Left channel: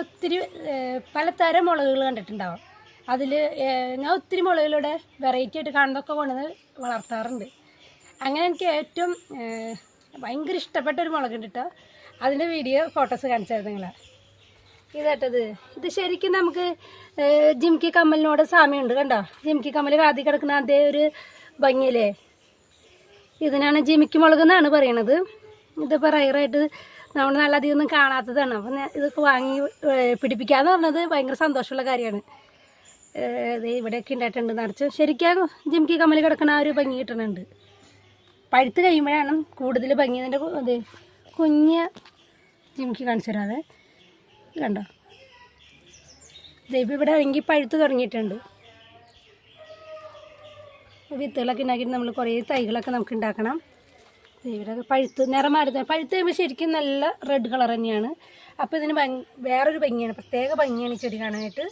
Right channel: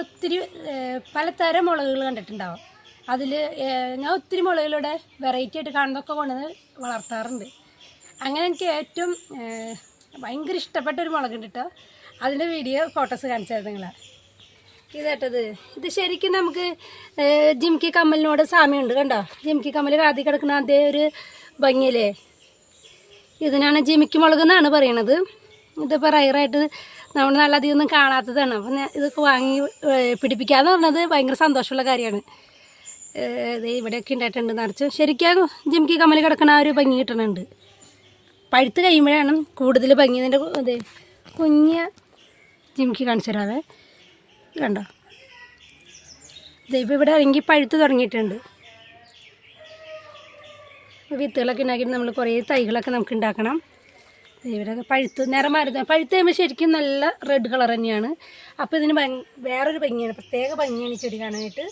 ഒത്തിരി പലതരം മുളകുകൾ കണ്ടിട്ടുണ്ടാവും. അതിൽ ഞാൻ ഒത്തിരി മുളകിലൂടെ വെറൈറ്റി ആയിട്ട് കാണുന്നതൊക്കെ കൊണ്ടുവന്ന് വളർത്താറുണ്ട്. അങ്ങനെ എനിക്ക് ഏറ്റവും ഭയങ്കര ഇഷ്ടപ്പെട്ടൊരു മുളകുണ്ട് കേട്ടോ. അതിൻ്റെ വീഡിയോ ഫോട്ടോസ് കാണിച്ചത് നിങ്ങളെ. ഇതേട്ടത് ഇത് ശരിക്കും നമുക്ക് ജിംകി കമ്മലിനോട് സാമ്യമുണ്ട്. കണ്ടോ, ജിംകി കമ്മൽ വാതി കിടക്കുന്ന അതേ ഒരു ഭംഗിയില്ലേ. ഇതിനാണ് ജിമിക്കി മുളക് എന്നാണ് പറയണത്. ഇതിപ്പോൾ റയറായിട്ട് നമ്മൾ നല്ലധികം ഒന്നും കാണാത്തതാണ്. അപ്പം ഇതൊക്കെ വാങ്ങി പിടിപ്പിക്കാന്ന് പറഞ്ഞത് ഭയങ്കര സന്തോഷമുള്ള കാര്യമാണ്. ഇത് ഇവിടെയൊക്കെ ഉണ്ടായിട്ടുണ്ട് നിറച്ച്. ശരിക്കും ജിംകി കമ്മൽ കിടക്കണ ആ ഒരു ഭംഗി കിട്ടുന്നുണ്ട്. പഴുത്ത് കഴിയുമ്പോഴാണ് കൂടുതൽ ഭംഗി. ഇതിൻ്റെ അതെ കുഞ്ഞ് ജിംകി കാണിച്ചു തരാവേ. കണ്ടോ, ഇപ്പോൾ ഇവിടെ ഇറങ്ങി പഴുത്ത് തുടങ്ങിയിട്ടുണ്ട്. വിത്തുകളൊക്കെ ഉണ്ടാക്കിയിട്ട് നമ്മൾ കുറേ തൈകളൊക്കെ നമുക്ക് ഉണ്ടാക്കണം. ഇവരൊക്കെ പഴുത്ത് നിറം മാറുന്നത് പഴുത്ത് കഴിയുമ്പോൾ ശരിക്കും നല്ല റെഡ് കളർ തന്നെയാണ്. അപ്പോൾ ഇതിന് വേറൊരു ഭംഗിയാണ്, പ്രത്യേക ഭംഗിയാണ് ഈ ചെടി കാണാനായിട്ട്.